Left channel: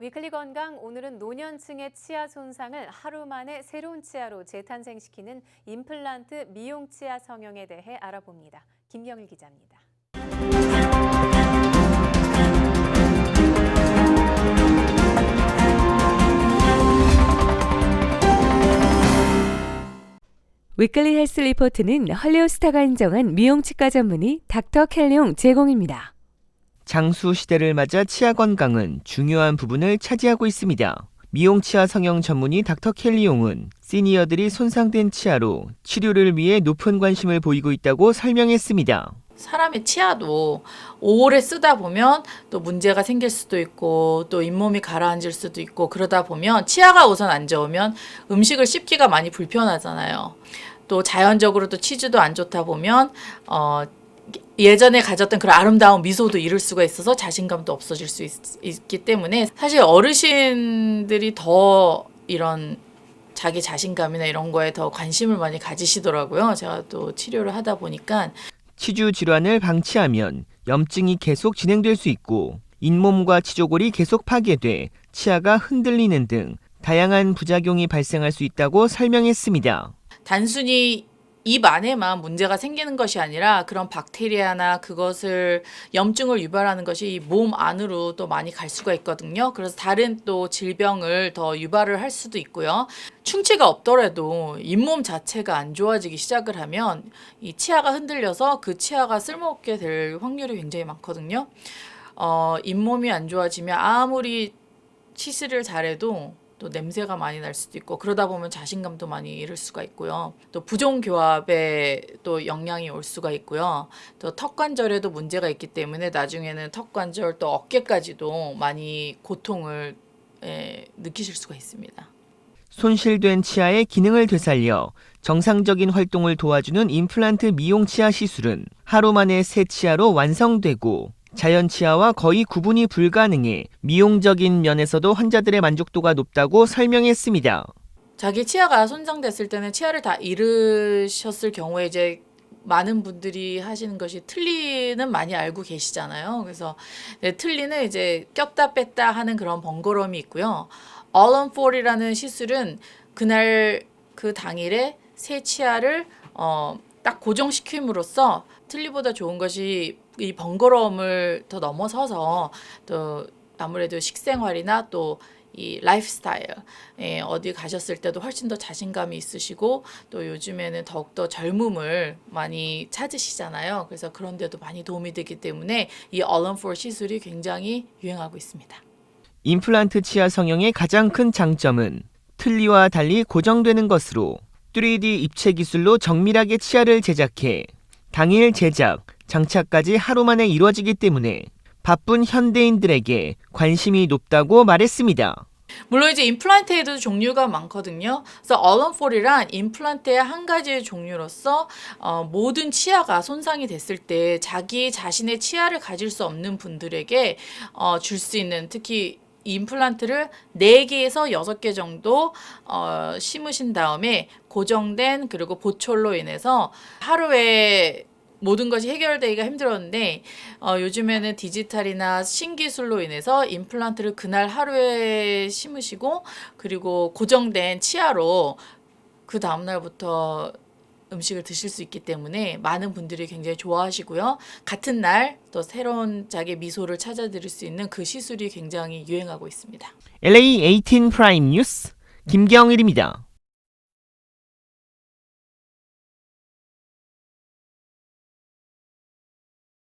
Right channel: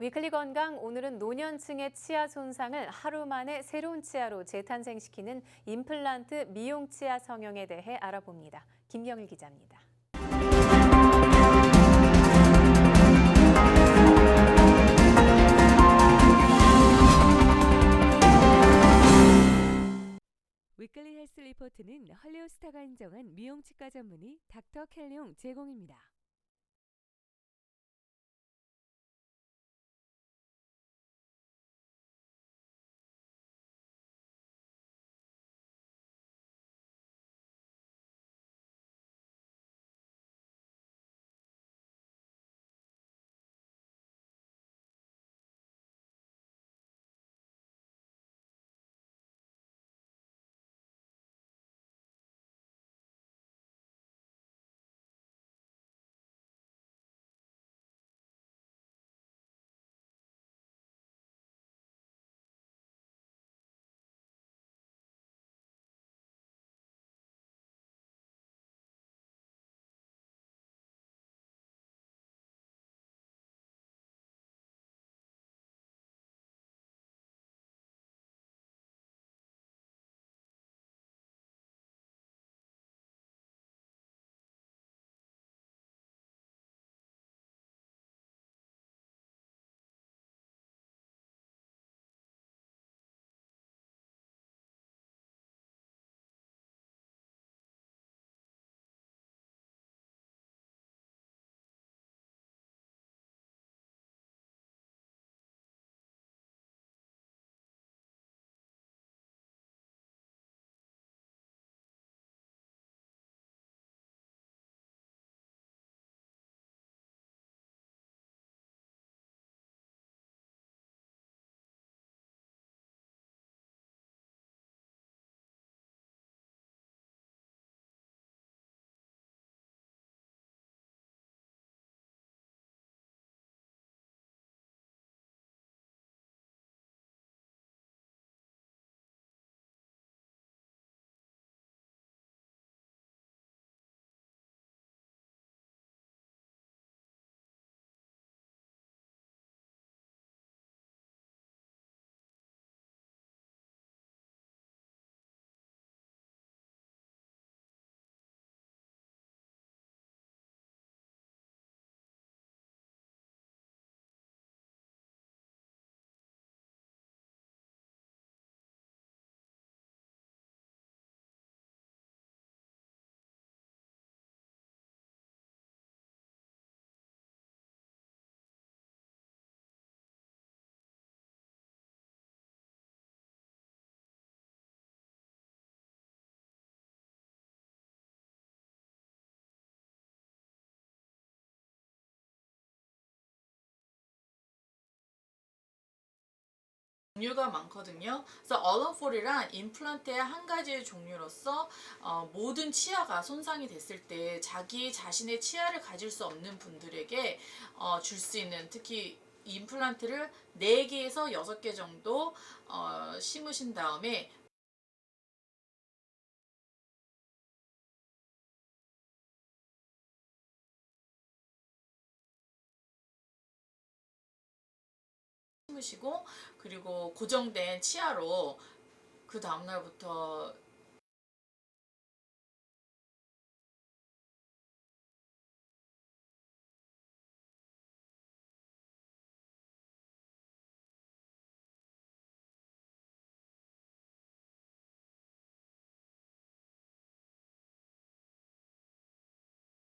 위클리 건강 오늘은 노년층의 치아 손상을 하루 만에 새로운 치아로 재탄생시키는 임플란트 미용 치아 성형에 대해 알아봅니다. 김경일 기자입니다. 위클리 헬스 리포트는 헐리우드 스타가 인정한 미용 치과 전문의 닥터 켈리용 제공입니다. 장수 시대를 맞아 치아 건강은 중요한 부분을 차지하고 있습니다. 미용 치아 성형 전문의 닥터 켈리용은 시니어들이 손상된 치아로 치료를 위해 높은 관심을 보이고 있다고 설명했습니다. 사람의 치아도 오래 쓰다 보면 또 문제가 생길 수도 있고 또 잇몸이 가라앉을 수도 있고 그러다 보면 치아가 우선 안 좋으면 음식을 씹기가 많이 불편하잖아요. 또 자연적으로 또 치주도 안 좋다 보면 어 예전에 가졌던 그런 아름다운 미소도 잃을 수가 있어서 자신감도 없어질 수 있, 기 때문에 사실 어르신들이 더 이런 자기 자신감이나 이런 거에 더 관심을 많이 가지시더라고요. 제가 또 치료를 하다 보니까 치주 질환을 방치하면 염증이 계속 진행될 수 있고 잇몸과 치조골이 계속 파괴돼 치아가 흔들리는 등 다양한 부작용이 발생할 수 있다고 설명했습니다. 단순히 입 안에만 문제가 생기는 것이 아니라 그런 박테리아나 그것을 염증을 유발하는 것이 몸 안으로 또 많이 갈 수가 있거든요. 그래서 다른 또 질병을 더 유발을 할 수도 있고요. 충치가 없더라도 잇몸 자체가 안 좋아지기 시작을 하면 이 치아가 흔들려서 그 치아가 쓸모없게 될 확률이 굉장히 많거든요. 어, 잇몸이 안 좋아지면 아무리 치실을 잘해도 또 냄새가 많이 날 수도 있고 그러다 보면 자신감도 많이 잃을 수가 있고요. 또 부종 교합에 또 영향이 올 수가 있고요. 또 턱 관절에도 문제가 있기 때문에 나중에는 턱 관절 또 어깨까지도 많이 고통을 예, 느끼실 수가 있습니다. 손실된 치아의 기능을 되살려 정상적인 활동을 도와주는 임플란트 미용 치아 시술은 하루 만에 새 치아로 완성되고 자연 치아와 거의 구분이 불가능해 미용적인 면에서도 환자들의 만족도가 높다고 설명했습니다. 자기 치아가 손상됐을 때는 치아를 다 잃으셨을 경우에 이제 많은 분들이 하시는 것이 틀니는 많이 알고 계시잖아요. 그래서 네, 틀니는 이제 꼈다 뺐다 하는 그런 번거로움이 있고요. On Four이라는 시술은 그날 그 당일에 새 치아를 어, 딱 고정시킴으로써 틀니보다 좋은 것이 이 번거로움을 더 넘어서서 또 아무래도 식생활이나 또 이 라이프 스타일 예, 어디 가셨을 때도 훨씬 더 자신감이 있으시고 또 요즘에는 더욱더 젊음을 많이 찾으시잖아요. 그래서 그런 데도 많이 도움이 되기 때문에 이포 시술이 굉장히 유행하고 있습니다. 임플란트 치아 성형의 가장 큰 장점은 틀니와 달리 고정되는 것으로 3D 입체 기술로 정밀하게 치아를 제작해 당일 제작, 장착까지 하루 만에 이루어지기 때문에 바쁜 현대인들에게 관심이 높다고 말했습니다. 물론 이제 임플란트에도 종류가 많거든요. 그래서 얼런폴이란 임플란트의 한 가지의 종류로서 어, 모든 치아가 손상이 됐을 때 자기 자신의 치아를 가질 수 없는 분들에게 어, 줄 수 있는 특히 이 임플란트를 4개에서 6개 정도 어, 심으신 다음에 고정된 그리고 보철로 인해서 하루에 모든 것이 해결되기가 힘들었는데 어, 요즘에는 디지털이나 신기술로 인해서 임플란트를 그날 하루에 심으시고 그리고 고정된 치아로 그 다음 날부터 음식을 드실 수 있기 때문에 많은 분들이 굉장히 좋아하시고요. 같은 날 또 새로운 자기 미소를 찾아드릴 수 있는 그 시술이 굉장히 유행하고 있습니다. LA 18 프라임 뉴스 김경일입니다.